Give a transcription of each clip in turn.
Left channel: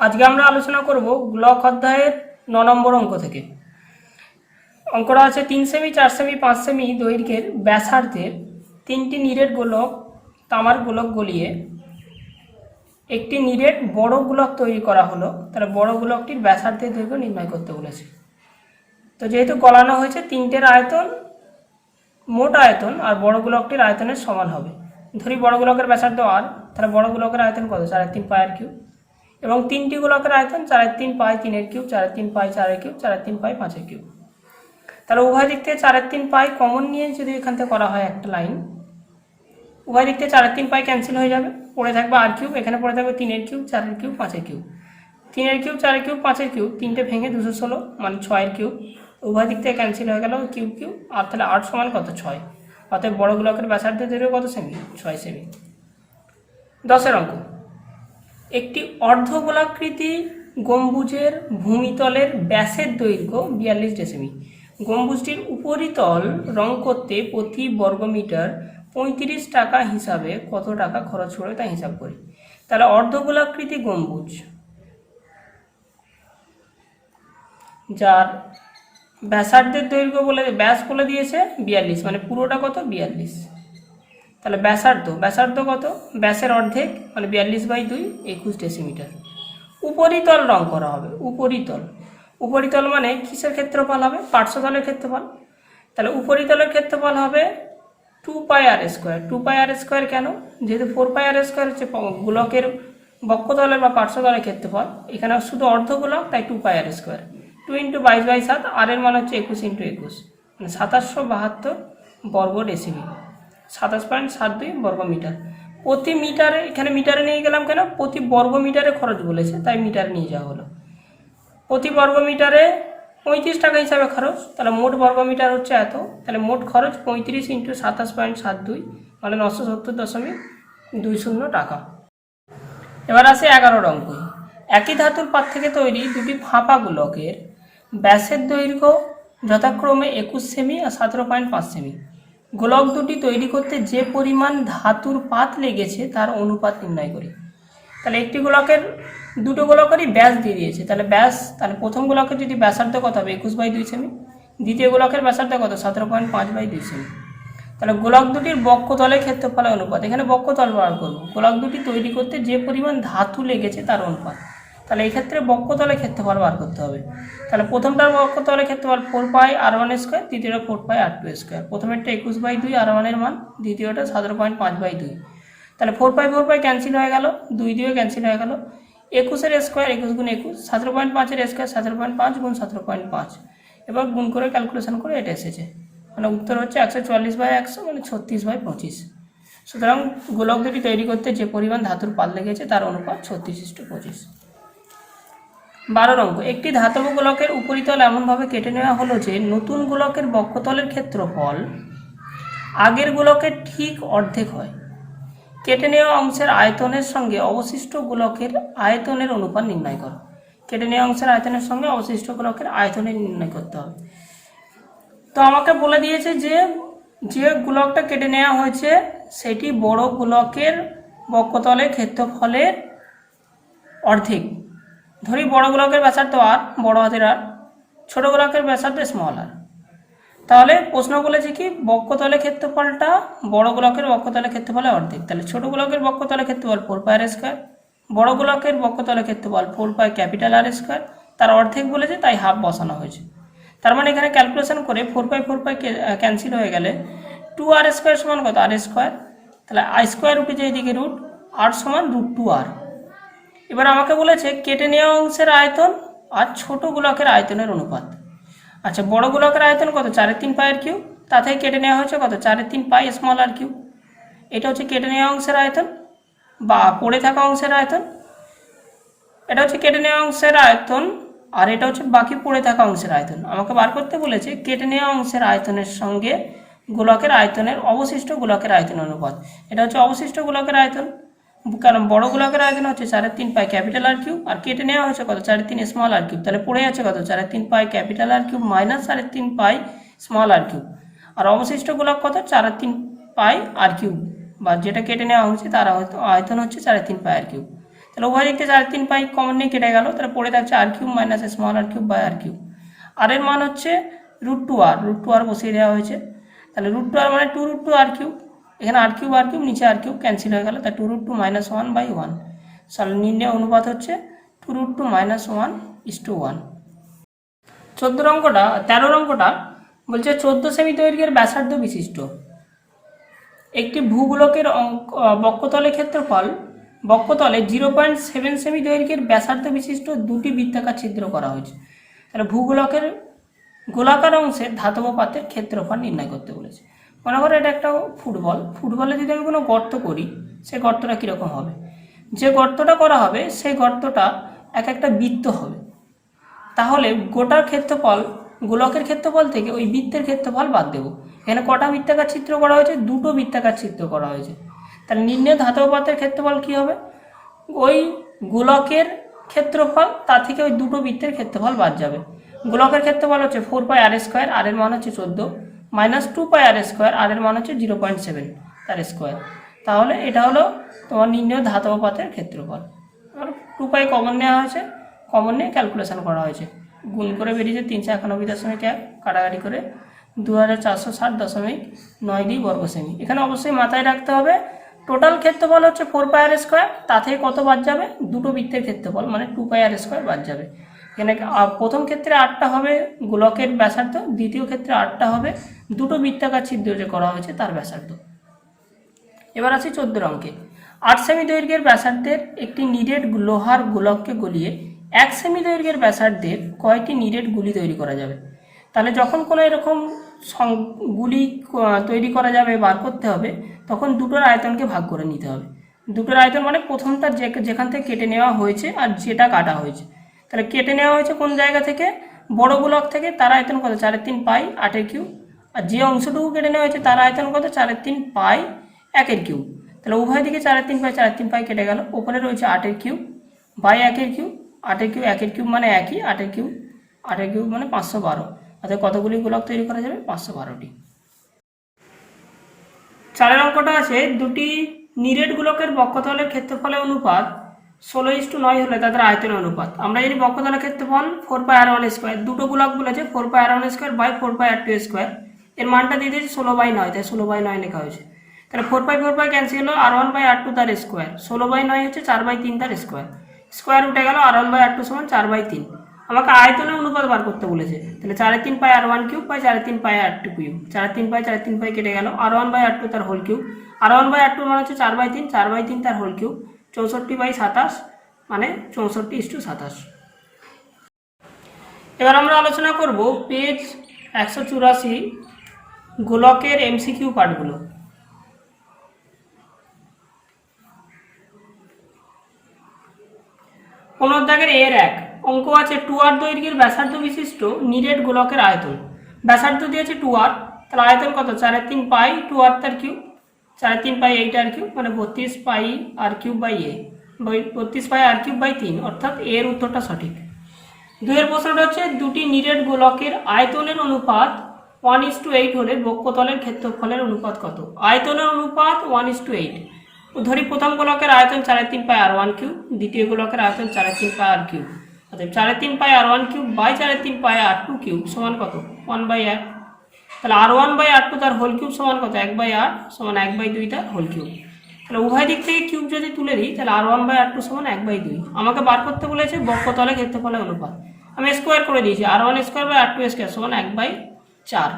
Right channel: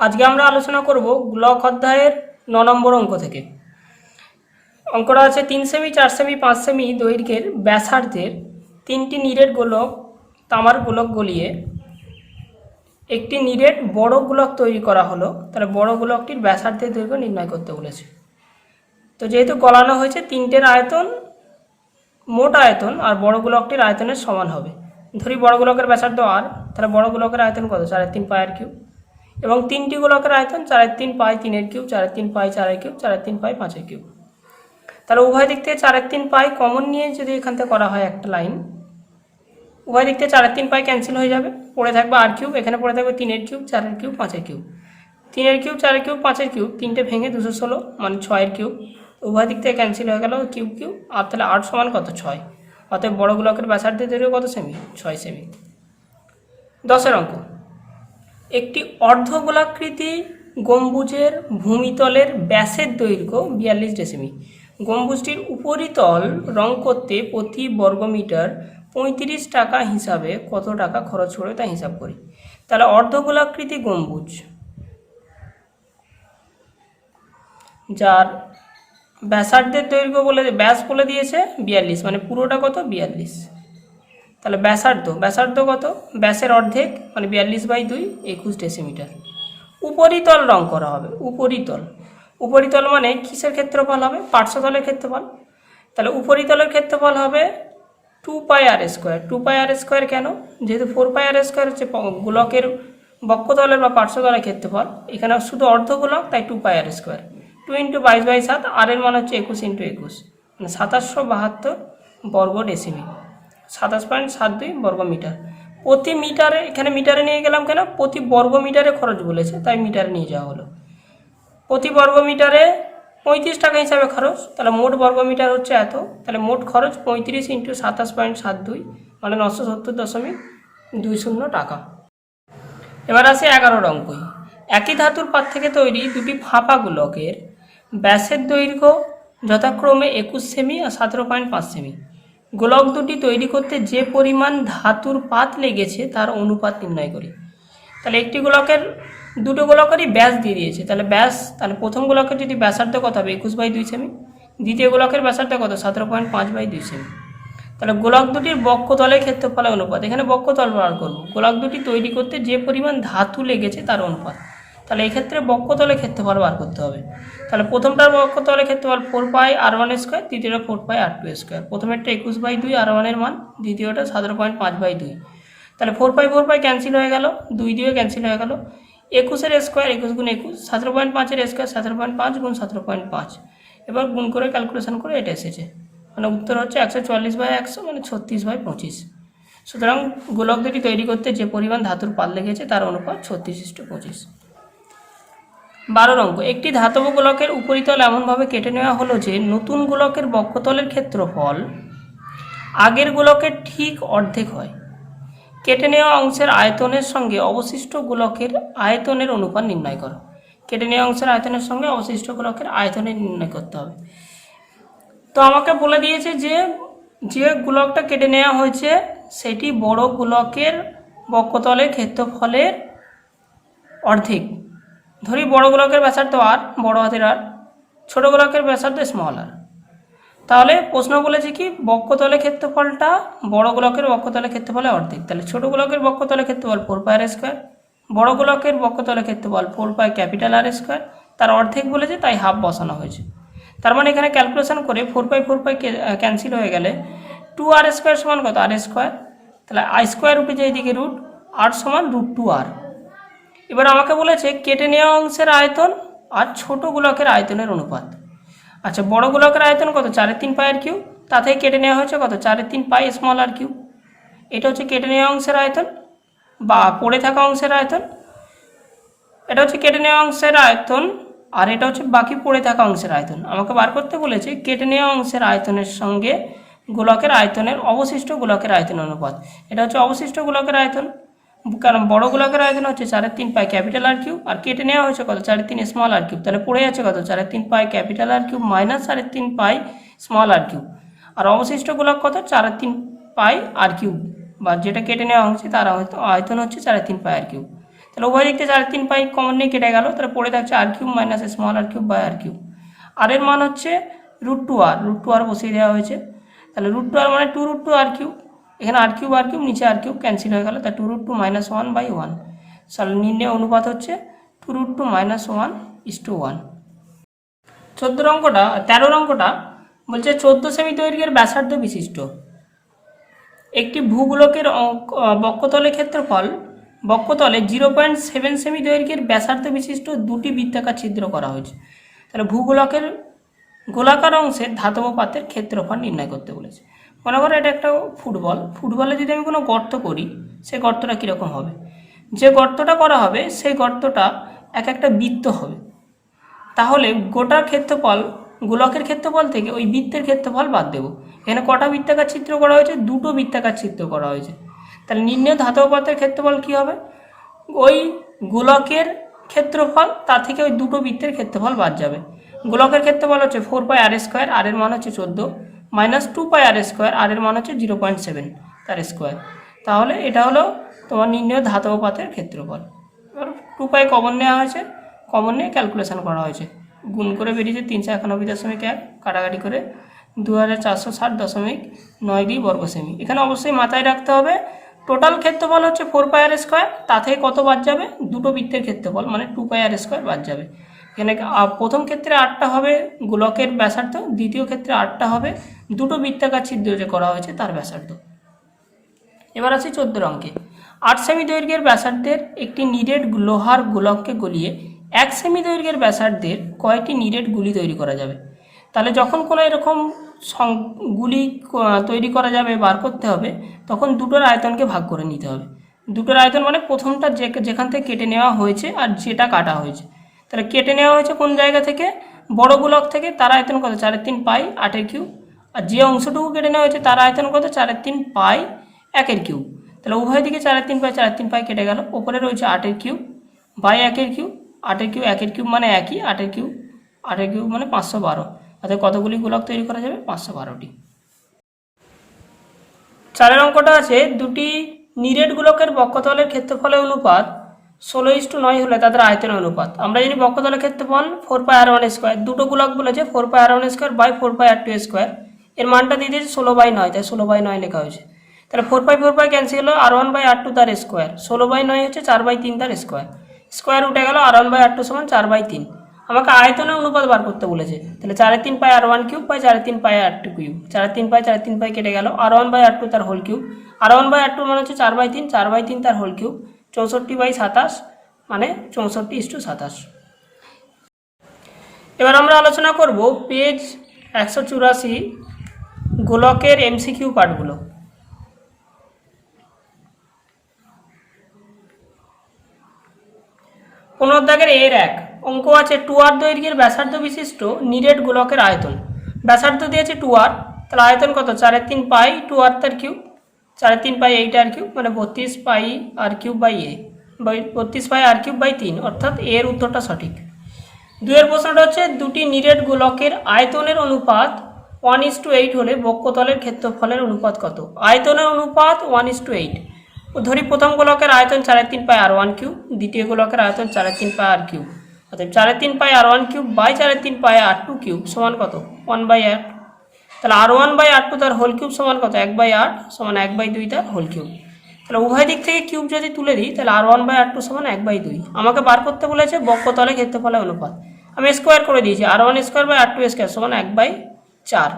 আজকে আমরা আলোচনা করব ব্লক অধ্যায়ের 9 নম্বর অঙ্ক থেকে। অঙ্কটা আছে 3 সেমি 4 সেমি 5 সেমি দৈর্ঘ্যের ব্যাসার্ধের 3টি নিরেট গোলক তামার গোলক গলিয়ে একটি নিরেট বড় গোলক তৈরি করা হলো। তাহলে বড় গোলকটির ব্যাসার্ধের দৈর্ঘ্য নির্ণয় করতে বলেছে। তো যেহেতু গলানো হয়েছে, তিনটের আয়তন মোট আয়তন আর বড় গোলকটির আয়তনের সমান হবে। ধরি বড় গোলকের ব্যাসার্ধ আর, তাহলে বড় গোলকের আয়তন কত? 4/3 পায়ের কিউব। এবং তিনটি গোলকের আয়তন 4/3 পাই 3-এর কিউব, 4/3 পাই 4-এর কিউব, 4/3 পাই 5-এর কিউব। তাহলে উভয় দিক থেকে 4/3 পাই কমন নিয়ে যদি এখান থেকে করা হয় একটা লাইন, উভয় দিক থেকে 4/3 পাই ক্যান্সেল হয়ে যাবে, পড়ে থাকবে আর কিউব। এখানে পড়ে থাকবে 3-এর কিউব 4-এর কিউব 5-এর কিউব। 3-এর কিউব 4-এর কিউব 5-এর কিউব, তিনটে ভেঙে 216 মানে 6-এর কিউব। উভয় দিক থেকে ক্যান্সেল হয়ে গেল কিউব কিউব। আর তাহলে 8 সমান কত? 6। অতএব বড় গোলকের ব্যাসার্ধের দৈর্ঘ্য কত সেমি? 6 সেমি। 10-এর অঙ্ক। একটি অর্ধগোলাকৃতি গম্বুজের ভূমিতলের ব্যাসের দৈর্ঘ্য 42 ডেসিমি। গম্বুজটির উপরিতল রং করতে প্রতি বর্গমিটার 35 টাকা হিসাবে কত টাকা খরচ করে তা হিসাব করি। তাহলে অর্ধগোলাকৃতি গম্বুজ যার ব্যাসার্ধের দৈর্ঘ্য ব্যাস বলে দিয়েছে 42, মানে পুরোটা কত? 42। তাহলে ব্যাসার্ধ কত? ব্যাসের অর্ধেক মানে 42/2 21 ডেসিমিটার। উপরিতল রং করা হবে। উপরিতল মানে কিসের ক্ষেত্রফল হবে? পার্শ্বতলের ক্ষেত্রফল। তাহলে উপরিতলের ক্ষেত্রফল হবে 2πr²। 2πr² কেন? যেহেতু 4πr² হচ্ছে গোলকের বক্ষতলের বা পার্শ্বতলের ক্ষেত্রফল, এখানে শুধু অর্ধগোলক, তাই 2πr²। 2 × 22/7, আর এর মান হচ্ছে 21 × 21 মানে 2772 বর্গ ডেসিমি, 27.72 বর্গমিটার। প্রতি মিটারে, এখানে মিটারে নিয়ে গেলাম কেন? প্রতি বর্গ মিটারে খরচ বলেছে, তাই মিটারে নিয়ে যাওয়া হলো। প্রতি বর্গ মিটারে 35 টাকা হিসাবে খরচ, তাহলে মোট বর্গমিটার হচ্ছে এত। তাহলে মোট খরচ 35 × 27.72 মানে 970.20 টাকা। এবার আসে 11 অঙ্ক। একই ধাতুর পাত থেকে তৈরি দুটি ফাঁপা গোলকের ব্যাসের দৈর্ঘ্য যথাক্রমে 21 সেমি আর 17.5 সেমি। গোলক দুটি তৈরি করতে যে পরিমাণ ধাতুর পাত লেগেছে তার অনুপাত নির্ণয় করি। তাহলে একটি গোলকের, দুটো গোলকেরই ব্যাস দিয়ে দিয়েছে। তাহলে প্রথম গোলকের যদি ব্যাসার্ধ কত হবে? 21/2 সেমি। দ্বিতীয় গোলকের ব্যাসার্ধ কত? 17.5/2 সেমি। তাহলে গোলক দুটির বক্ষতলের ক্ষেত্রফলের অনুপাত, এখানে বক্ষতল বার করবো। গোলক দুটি তৈরি করতে যে পরিমাণ ধাতু লেগেছে তার অনুপাত। তাহলে এক্ষেত্রে বক্ষতলের ক্ষেত্রফল বার করতে হবে। তাহলে প্রথমটার বক্ষতলের ক্ষেত্রফল 4πr1², দ্বিতীয়টা 4πr2²। প্রথমেরটা 21/2 r1 এর মান, দ্বিতীয়টা 17.5/2। তাহলে 4π ক্যান্সেল হয়ে গেল, 2 দিয়ে ক্যান্সেল হয়ে গেল। 21-এর স্কোয়ার 21 × 21, 17.5-এর স্কোয়ার 17.5 × 17.5। এবার গুণ করে ক্যালকুলেশন করে এটা এসেছে, মানে উত্তর হচ্ছে 144/100 মানে 36/25। সুতরাং গোলক দুটি তৈরি করতে যে পরিমাণ ধাতুর পাত লেগেছে তার অনুপাত 36:25। 12 অঙ্ক। একটি ধাতব গোলকের উপরিতল এমনভাবে কেটে নেওয়া হলো যে নতুন গোলকের বক্ষতলের ক্ষেত্রফল আগের গোলকের ঠিক অর্ধেক হয়। কেটে নেওয়া অংশের আয়তনের সঙ্গে অবশিষ্ট গোলকের আয়তনের অনুপাত নির্ণয় করো। কেটে নেওয়া অংশের আয়তনের সঙ্গে অবশিষ্ট গোলকের আয়তনের নির্ণয় করতে হবে। তো আমাকে বলে দিয়েছে যে গোলকটা কেটে নেওয়া হয়েছে সেটি বড় গোলকের বক্ষতলের ক্ষেত্রফলের অর্ধেক। ধরি বড় গোলকের ব্যাসার্ধ আর, বড় হাতের আর, ছোট গোলকের ব্যাসার্ধ স্মল আর। তাহলে প্রশ্ন বলেছে কি? বক্ষতলের ক্ষেত্রফলটা বড় গোলকের বক্ষতলের ক্ষেত্রফলের অর্ধেক। তাহলে ছোট গোলকের বক্ষতলের ক্ষেত্রফল 4πr², বড় গোলকের বক্ষতলের ক্ষেত্রফল 4πR²। তার অর্ধেক বলেছে তাই হাফ বসানো হয়েছে। তার মানে এখানে ক্যালকুলেশন করে 4π ক্যান্সেল হয়ে গেলে 2r² সমান কত? r²। তাহলে i² উঠেছে এইদিকে রুট, r সমান √2r। এবার আমাকে বলেছে কেটে নেওয়া অংশের আয়তন আর ছোট গোলকের আয়তনের অনুপাত। আচ্ছা, বড় গোলকের আয়তন কত? 4/3 পাইয়ের কিউব। তা থেকে কেটে নেওয়া হয়েছে কত? 4/3 পাই স্মল আর কিউব। এটা হচ্ছে কেটে নেওয়া অংশের আয়তন বা পড়ে থাকা অংশের আয়তন। এটা হচ্ছে কেটে নেওয়া অংশের আয়তন, আর এটা হচ্ছে বাকি পড়ে থাকা অংশের আয়তন। আমাকে বার করতে বলেছে কেটে নেওয়া অংশের আয়তনের সঙ্গে গোলকের আয়তনের অবশিষ্ট গোলকের আয়তনের অনুপাত। এটা হচ্ছে অবশিষ্ট গোলকের আয়তন, কারণ বড় গোলকের আয়তন হচ্ছে 4/3 পাই ক্যাপিটাল আর কিউব, আর কেটে নেওয়া হয়েছে কত? 4/3 স্মল আর কিউব। তাহলে পড়ে যাচ্ছে কত? 4/3 pi capital R cube minus 4/3 pi small r cube. আর অবশিষ্ট গোলক কত? 4/3 পাই আর কিউব, বা যেটা কেটে নেওয়া হচ্ছে তার আয়তন হচ্ছে 4/3 পাই আর কিউব। তাহলে উভয় দিক থেকে 4/3 কমন নিয়ে কেটে গেল, তাহলে পড়ে থাকছে r³ minus small r³ by r³। আর এর মান হচ্ছে √2r বসিয়ে দেওয়া হয়েছে, তাহলে √2r মানে 2√2r³, এখানে r³ নিচে r³ ক্যান্সেল হয়ে গেল, তাই 2√2 - 1/1। তাহলে নির্ণয় অনুপাত হচ্ছে 2√2 - 1:1। 13 অঙ্কটা বলছে 14 সেমি দৈর্ঘ্যের ব্যাসার্ধ বিশিষ্ট একটি ভূগোলকের বক্ষতলের ক্ষেত্রফল বক্ষতলে 0.7 সেমি দৈর্ঘ্যের ব্যাসার্ধ বিশিষ্ট দুটি বৃত্তাকার ছিদ্র করা হয়েছে। তাহলে ভূগোলকের গোলাকার অংশে ধাতব পাতের ক্ষেত্রফল নির্ণয় করতে বলেছে। মনে করো এটা একটা ফুটবলে যদি আমি কোনো গর্ত করি, সেই গর্তটা কীরকম হবে, যে গর্তটা করা হবে সেই গর্তটা একটা বৃত্ত হবে, তাহলে গোটার ক্ষেত্রফল গোলকের ক্ষেত্রফল থেকে ওই বৃত্তের ক্ষেত্রফল বাদ দেব। এখানে কটা বৃত্তাকার চিত্র করা হয়েছে, দুটো বৃত্তাকার চিত্র করা হয়েছে, তাহলে নির্ণয় ধাতব পাতের ক্ষেত্রফল কী হবে, ওই গোলকের ক্ষেত্রফল তার থেকে ওই দুটো বৃত্তের ক্ষেত্রফল বাদ যাবে। গোলকের ক্ষেত্রফল হচ্ছে 4πr², আর এর মান হচ্ছে 14, মাইনাস 2πr², আর এর মান হচ্ছে 0.7 তার স্কোয়ার। তাহলে এটা হলো তোমার নির্ণয় ধাতব পাতের ক্ষেত্রফল। 2π কমন নেওয়া হয়েছে, কমন নিয়ে ক্যালকুলেশন করা হয়েছে, গুণ করে বেরিয়েছে 391.1, কাটাকাটি করে 2460.92 বর্গ সেমি। এখানে অবশ্যই মাথায় রাখতে হবে টোটাল ক্ষেত্রফল হচ্ছে 4πr², তা থেকে কত বাদ যাবে, দুটো বৃত্তের ক্ষেত্রফল মানে 2πr² বাদ যাবে। এখানে প্রথম ক্ষেত্রে 8টা হবে গোলকের ব্যাসার্ধ, দ্বিতীয় ক্ষেত্রে 8টা হবে দুটো বৃত্তাকার ছিদ্র যে করা হয়েছে তার ব্যাসার্ধ। এবার আসি 14 অঙ্কে। 8 সেমি দৈর্ঘ্যের ব্যাসার্ধের একটি নিরেট লোহার গোলককে গলিয়ে 1 সেমি দৈর্ঘ্যের ব্যাসার্ধের কয়টি নিরেট গুলি তৈরি করা যাবে। তাহলে যখন কোনো এরকম গুলি তৈরি করা যাবে, বার করতে হবে, তখন দুটোর আয়তনকে ভাগ করে নিতে হবে। দুটোর আয়তন মানে প্রথমটা যেখান থেকে কেটে নেওয়া হয়েছে আর যেটা কাটা হয়েছে, তাহলে কেটে নেওয়া হয়েছে কোন জায়গা থেকে, বড় গোলক থেকে, তার আয়তন কত 4/3 8/3, আর যে অংশটুকু কেটে নেওয়া হয়েছে তার আয়তন কত 4/3 1/3। তাহলে উভয় দিকে 4/3 কেটে গেল, ওপরে রয়েছে 8/3 বাই 1/3, 8/3 1/3 মানে একই, 8/3 মানে 512, অর্থাৎ কতগুলি গোলক তৈরি করা যাবে, 512টি। 4 অঙ্কটা আছে দুটি নিরেট গোলকের বক্ষতলের ক্ষেত্রফলের অনুপাত 16:9 হলে তাদের আয়তনের অনুপাত। আমরা জানি বক্ষতলের ক্ষেত্রফল 4πr1², দুটো গোলক বলেছে 4πr1² বাই 4πr2², এর মানটা দিয়ে দিয়েছে 16/9, তাই 16/9 লেখা হয়েছে। তাহলে 4π ক্যান্সেল হলো, r1/r2 তার স্কোয়ার, 16/9 হচ্ছে 4/3 তার স্কোয়ার, স্কোয়ার উঠে গেল, r1/r2 সমান 4/3। আমাকে আয়তনের অনুপাত বার করতে বলেছে, তাহলে 4/3 বাই 4/3 4/3 কেটে গেল, r1/r2 তার হোল কিউব, r1/r2 মানে হচ্ছে 4/3 তার হোল কিউব, 64/27 মানে 64:27। এবার আমরা আলোচনা করব পেজ 184 গোলকের MCQ পার্টগুলো। 15 দাগের এর 1 অঙ্ক আছে 2r দৈর্ঘ্যের ব্যাসার্ধ বিশিষ্ট নিরেট গোলকের আয়তন। ব্যাসার্ধ দিয়েছে 2r, তাহলে আয়তন কত 4/3 2r তার কিউব, 4/3 8r³ মানে 32πr³ বাই 32πr³/3, অর্থাৎ এর উত্তরটা সঠিক। 2 প্রশ্নটা হচ্ছে দুটি নিরেট গোলকের আয়তনের অনুপাত 1:8 হলে বক্ষতলের ক্ষেত্রফলের অনুপাত কত। আয়তনের অনুপাত 1:8, ধরি প্রথম গোলকের আয়তন 4/3πr1³, দ্বিতীয় গোলকের আয়তন 4/3πr³, অর্থাৎ 4/3πr1³ বাই 4/3πr2³ সমান কত 1/8। তাহলে r1/r2 তার হোল কিউব সমান কত 1/8 সমান 1/2 তার হোল কিউব। তাহলে উভয় দিক থেকে কিউব যদি তুলে দিই, তাহলে r1/r2 সমান 1/2। আমাকে বার করতে বলেছে বক্ষতলের ক্ষেত্রফলের অনুপাত, আমি স্কোয়ার করে দিয়েছি, r1² সমান 1/4।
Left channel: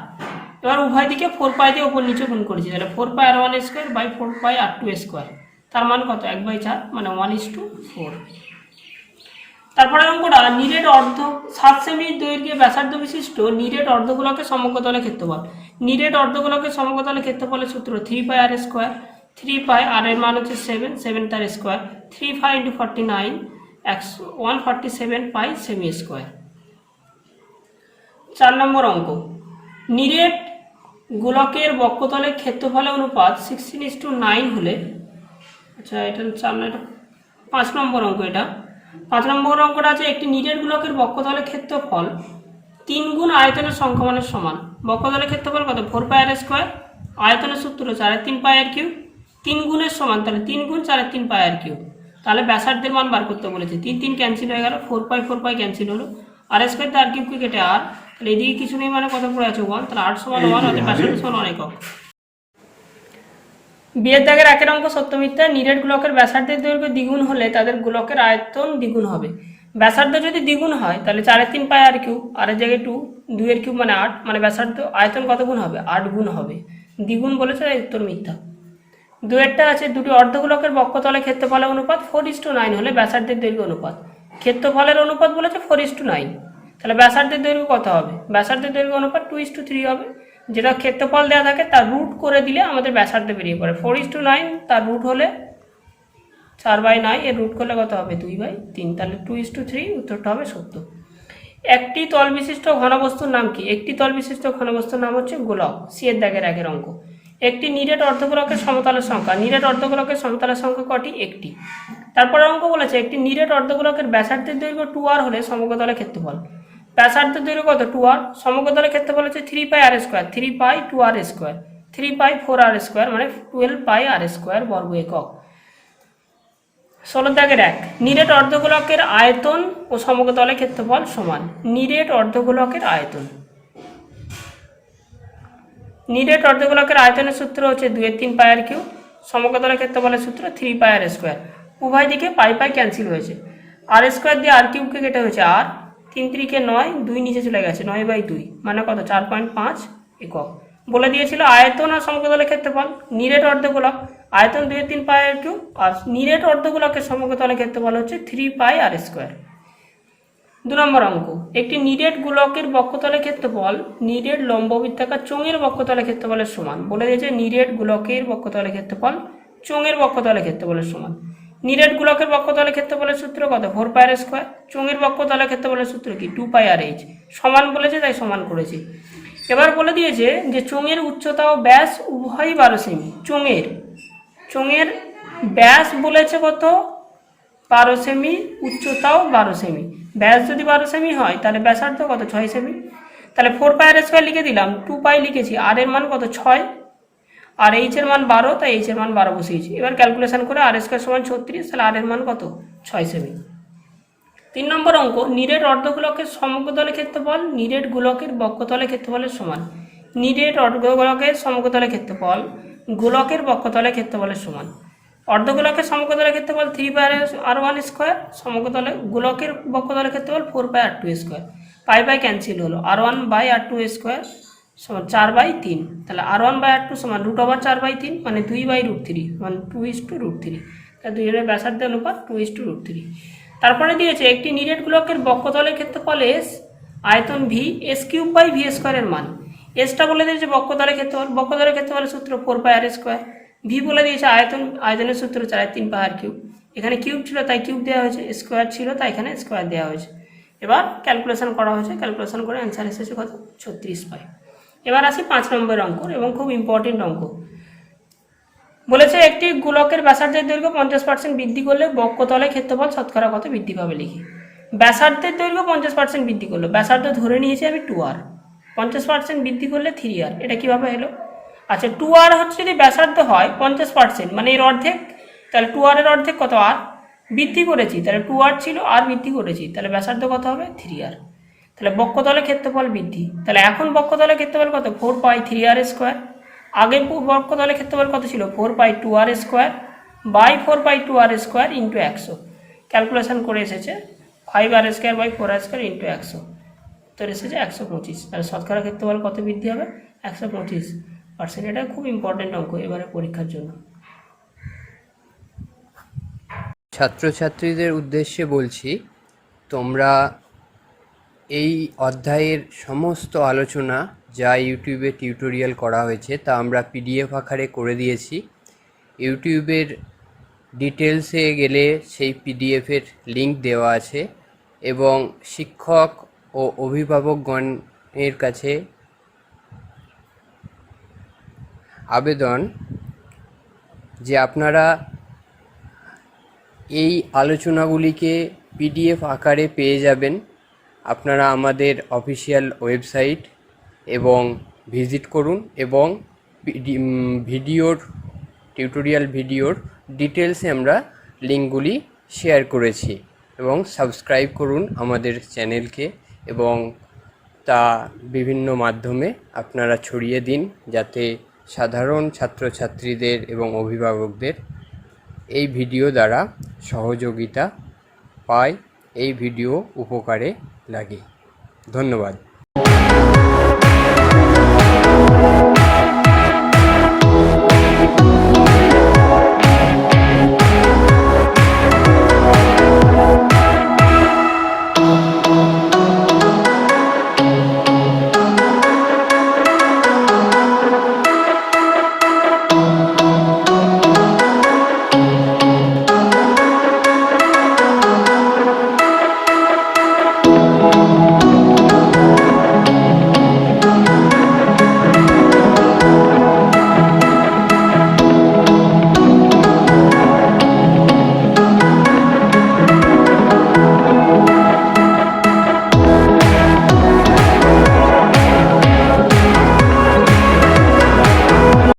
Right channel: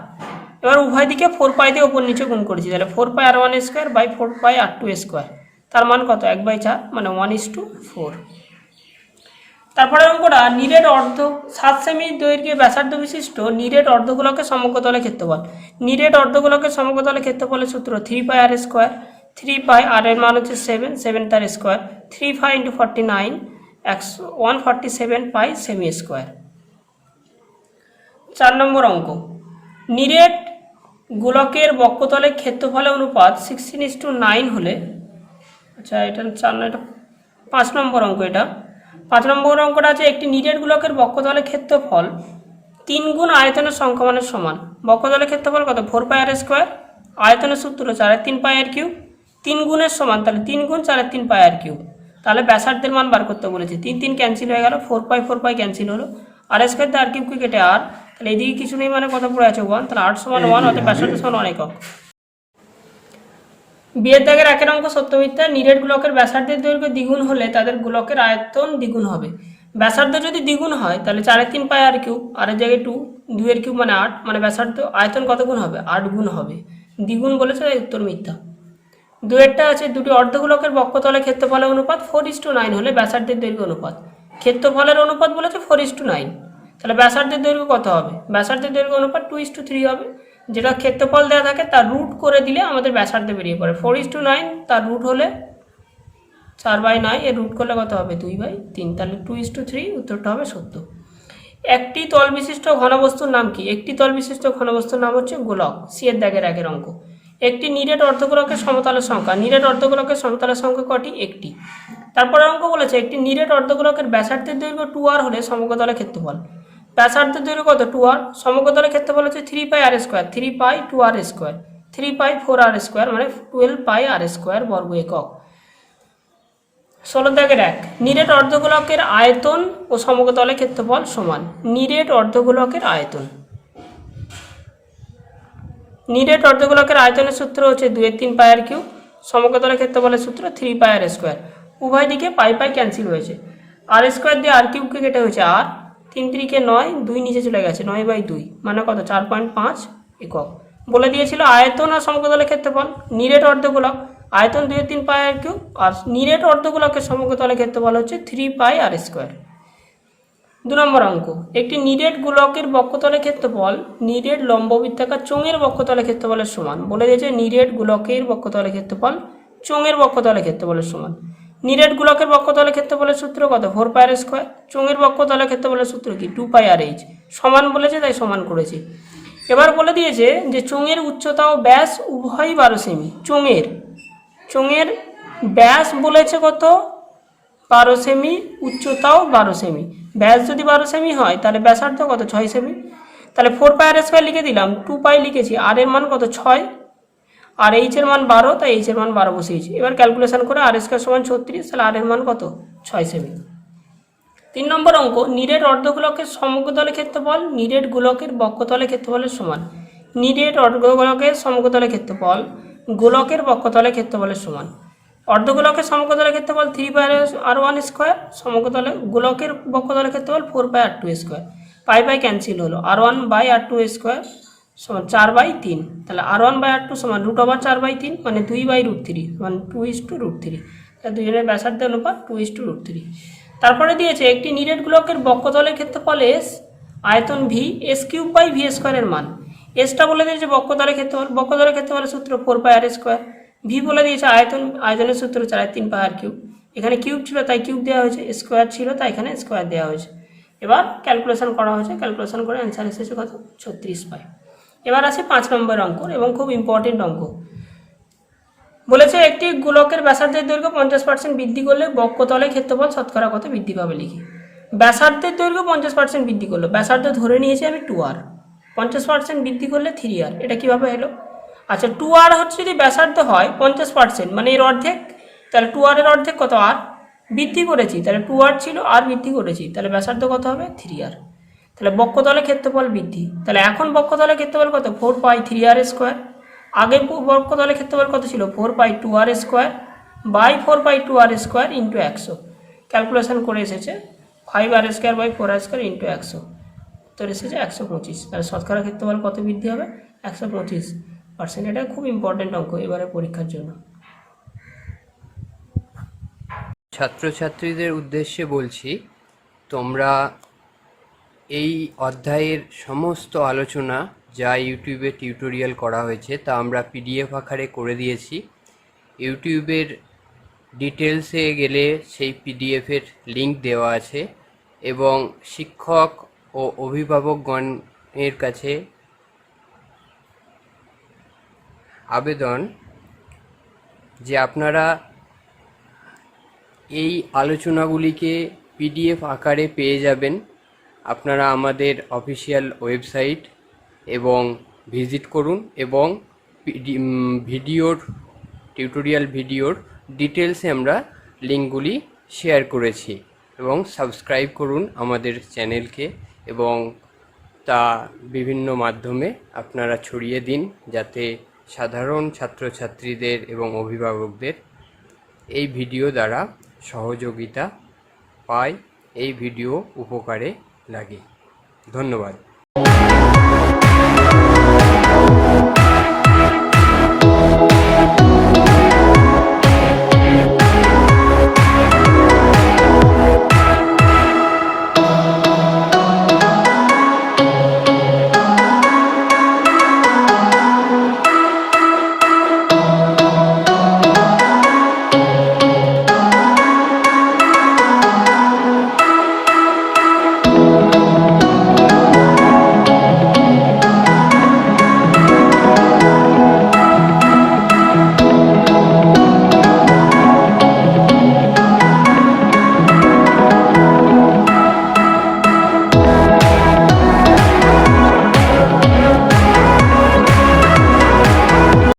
এবার উভয় দিকে 4π দিয়ে ওপর নিচে গুণ করেছি, তাহলে 4πr1² বাই 4πr2², তার মান কত 1/4 মানে 1:4। তারপরে অঙ্কটা নিরেট 7 সেমি দৈর্ঘ্যে ব্যাসার্ধ বিশিষ্ট নিরেট অর্ধগোলকের সমগ্রতলের ক্ষেত্রফল। নিরেট অর্ধগোলকের সমগ্রতলের ক্ষেত্রফলের সূত্র 3πr², 3π আর এর মান হচ্ছে 7 তার স্কোয়ার, 3π × 49 147π সেমি স্কোয়ার। 4 নম্বর অঙ্ক নিরেট গোলকের বক্ষতলের ক্ষেত্রফলের অনুপাত 16:9 হলে, আচ্ছা এটা 5 নম্বর অঙ্ক। এটা 5 নম্বর অঙ্কটা আছে একটি নিরেট গোলকের বক্ষতলের ক্ষেত্রফল 3 গুণ আয়তনের সংখ্যামানের সমান। বক্ষতলের ক্ষেত্রফল কত 4πr², আয়তনের সূত্র 4/3πr³, 3 গুণের সমান, তাহলে 3 গুণ 4/3πr³, তাহলে ব্যাসার্ধের মান বার করতে বলেছে। 3 3 ক্যান্সেল হয়ে গেল, 4 পাই ক্যান্সেল হলো, আর স্কোয়ার দিয়ে আর কিউবকে কেটে আর, তাহলে এদিকে কিছু নেই মানে কত পড়ে আছে 1, তাহলে 8 সমান 1, অর্থাৎ ব্যাসার্ধ সমান 1 একক। বিয়ের দাগের একের অঙ্ক সত্য মিথ্যা। নিরেট গোলকের ব্যাসার্ধের দৈর্ঘ্য দ্বিগুণ হলে তাদের গোলকের আয়তন দ্বিগুণ হবে। ব্যাসার্ধ যদি দ্বিগুণ হয় তাহলে 4 পাই আর কিউব, আর এর জায়গায় 2, 2 এর কিউব মানে 8, মানে ব্যাসার্ধ আয়তন কত গুণ হবে? 8 গুণ হবে। দ্বিগুণ বলেছে তাই উত্তর মিথ্যা। দুয়েরটা আছে দুটি অর্ধগোলকের বক্ষতলে ক্ষেত্রফলের অনুপাত 4:9 হলে ব্যাসার্ধের দৈর্ঘ্য অনুপাত। ক্ষেত্রফলের অনুপাত বলেছে 4:9, তাহলে ব্যাসার্ধের দৈর্ঘ্য কত হবে? ব্যাসার্ধের দৈর্ঘ্য অনুপাত 2:3 হবে। যেটা ক্ষেত্রফল দেওয়া থাকে তার রুট করে দিলে আমাদের ব্যাসার্ধ বেরিয়ে পড়ে। 4:9 তার রুট হলে 4/9, এর রুট করলে কত হবে? 2/3, তাহলে 2:3 উত্তরটা হবে সত্য। একটি তল বিশিষ্ট ঘনবস্তুর নাম কি? একটি তল বিশিষ্ট ঘনবস্তুর নাম হচ্ছে গোলক। সি এর দাগের একের অঙ্ক। একটি নিরেট অর্ধগোলকের সমতলের সংখ্যা। নিরেট অর্ধগোলকের সমতলের সংখ্যা কটি? একটি। তারপরে অঙ্ক বলেছে একটি নিরেট অর্ধগোলকের ব্যাসার্ধের দৈর্ঘ্য 2r হলে সমগ্রতলের ক্ষেত্রফল। ব্যাসার্ধের দৈর্ঘ্য কত? 2r। সমগ্রতলের ক্ষেত্রফল হচ্ছে 3 পাই আর স্কোয়ার, 3 পাই 2r স্কোয়ার, 3 পাই 4r স্কোয়ার, মানে 12 পাই আর স্কোয়ার বর্গ একক। 16 দাগের 1, নিরেট অর্ধগোলকের আয়তন ও সমগ্রতলের ক্ষেত্রফল সমান। নিরেট অর্ধগোলকের আয়তন, নিরেট অর্ধগোলকের আয়তনের সূত্র হচ্ছে 2/3 পাই আর কিউব, সমগ্রতলের ক্ষেত্রফলের সূত্র 3 পাই আর স্কোয়ার। উভয় দিকে পাই ক্যান্সেল হয়েছে, আর স্কোয়ার দিয়ে আর কিউবকে কেটে হয়েছে আর, 3 3 9, 2 নিচে চলে গেছে, 9/2 মানে কত? 4.5 একক। বলে দিয়েছিল আয়তন আর সমগ্রতলের ক্ষেত্রফল। নিরেট অর্ধগোলক আয়তন 2/3 পাই আর কিউব, আর নিরেট অর্ধগোলকের সমগ্রতলের ক্ষেত্রফল হচ্ছে 3 পাই আর স্কোয়ার। 2 নম্বর অঙ্ক, একটি নিরেট গোলকের বক্ষতলের ক্ষেত্রফল নিরেট লম্ববৃত্তাকার চোঙের বক্ষতলের ক্ষেত্রফলের সমান। বলে দিয়েছে নিরেট গোলকের বক্ষতলের ক্ষেত্রফল চোঙের বক্ষতলের ক্ষেত্রফলের সমান। নিরেট গোলকের বক্ষতলের ক্ষেত্রফলের সূত্র কত? 4 পাই আর স্কোয়ার। চোঙের বক্ষতলের ক্ষেত্রফলের সূত্র কি? 2 পাই আর এইচ। সমান বলেছে তাই সমান করেছি। এবার বলে দিয়েছে যে চোঙের উচ্চতা ও ব্যাস উভয়ই 12 সেমি। চোঙের ব্যাস বলেছে কত? 12 সেমি, উচ্চতাও 12 সেমি। ব্যাস যদি 12 সেমি হয় তাহলে ব্যাসার্ধ কত? 6 সেমি। তাহলে 4 পাই আর স্কোয়ার লিখে দিলাম, 2 পাই লিখেছি, আর এর মান কত? 6, আর এইচ এর মান 12, তাই এইচ এর মান 12 বসিয়েছি। এবার ক্যালকুলেশন করে আর স্কোয়ার সমান 36, তাহলে আর এর মান কত? 6 সেমি। 3 নম্বর অঙ্ক, নিরেট অর্ধগোলকের সমগ্রতলের ক্ষেত্রফল নিরেট গোলকের বক্ষতলের ক্ষেত্রফলের সমান। নিরেট অর্ধগোলকের সমগ্রতলের ক্ষেত্রফল গোলকের বক্ষতলের ক্ষেত্রফলের সমান। অর্ধগোলকের সমগ্রতলের ক্ষেত্রফল 3 পাই আর 1 স্কোয়ার, সমগ্রতলে গোলকের বক্ষতলের ক্ষেত্রফল 4 পাই আর 2 স্কোয়ার। পাই ক্যান্সেল হলো, r1/r2 স্কোয়ার সমান 4/3, তাহলে r1/r2 সমান √4/3, মানে 2/√3, মানে 2:√3, তাহলে দুজনের ব্যাসার্ধের অনুপাত 2:√3। তারপরে দিয়েছে একটি নিরেট গোলকের বক্ষতলের ক্ষেত্রফল s, আয়তন v, s³/v স্কোয়ারের মান। এসটা বলে দিয়েছে বক্ষতলের ক্ষেত্রফল, বক্ষতলের ক্ষেত্রফলের সূত্র 4 পাই আর স্কোয়ার। ভি বলে দিয়েছে আয়তনের সূত্র 4/3 পাই আর কিউব। এখানে কিউব ছিল তাই কিউব দেওয়া হয়েছে, স্কোয়ার ছিল তাই এখানে স্কোয়ার দেওয়া হয়েছে। এবার ক্যালকুলেশন করা হয়েছে, ক্যালকুলেশন করে অ্যান্সার এসেছে কত? 36 পাই। এবার আসি 5 নম্বর অঙ্ক, এবং খুব ইম্পর্টেন্ট অঙ্ক। বলেছে একটি গোলকের ব্যাসার্ধের দৈর্ঘ্য 50% বৃদ্ধি করলে বক্ষতলের ক্ষেত্রফল শতকরা কত বৃদ্ধি পাবে লিখি। ব্যাসার্ধের দৈর্ঘ্য 50% বৃদ্ধি করলো, ব্যাসার্ধ ধরে নিয়েছি আমি 2r, 50% বৃদ্ধি করলে 3r, এটা কিভাবে হলো? আচ্ছা, 2r হচ্ছে যদি ব্যাসার্ধ হয় 50%, মানে এর অর্ধেক, তাহলে 2r এর অর্ধেক কত? r বৃদ্ধি করেছি, তাহলে 2r ছিল, r বৃদ্ধি করেছি, তাহলে ব্যাসার্ধ কত হবে? 3r। তাহলে বক্ষতলের ক্ষেত্রফল বৃদ্ধি, তাহলে এখন বক্ষতলের ক্ষেত্রফল কত? 4 পাই 3r স্কোয়ার। আগে বক্ষতলের ক্ষেত্রফল কত ছিল? 4 pi 2r square by 4 pi 2r square into 100। Calculation করে এসেছে 5r square by 4r square into 100, তো এসেছে 125। তাহলে শতকরা ক্ষেত্রফল কত বৃদ্ধি হবে? 125%। এটা খুব ইম্পর্টেন্ট অঙ্ক এবারে পরীক্ষার জন্য। ছাত্রছাত্রীদের উদ্দেশ্যে বলছি, তোমরা এই অধ্যায়ের সমস্ত আলোচনা যা ইউটিউবে টিউটোরিয়াল করা হয়েছে তা আমরা পিডিএফ আকারে করে দিয়েছি। ইউটিউবের ডিটেলসে গেলে সেই পিডিএফের লিঙ্ক দেওয়া আছে, এবং শিক্ষক ও অভিভাবকগণের কাছে আবেদন যে আপনারা এই আলোচনাগুলিকে পিডিএফ আকারে পেয়ে যাবেন। আপনারা আমাদের অফিসিয়াল ওয়েবসাইট এবং ভিজিট করুন, এবং টিউটোরিয়াল ভিডিওর ডিটেলসে আমরা লিঙ্কগুলি শেয়ার করেছি এবং সাবস্ক্রাইব করুন আমাদের চ্যানেলকে এবং তা বিভিন্ন মাধ্যমে আপনারা ছড়িয়ে দিন যাতে সাধারণ ছাত্রছাত্রীদের এবং অভিভাবকদের এই ভিডিও দ্বারা সহযোগিতা পায়, এই ভিডিও উপকারে লাগে। ধন্যবাদ।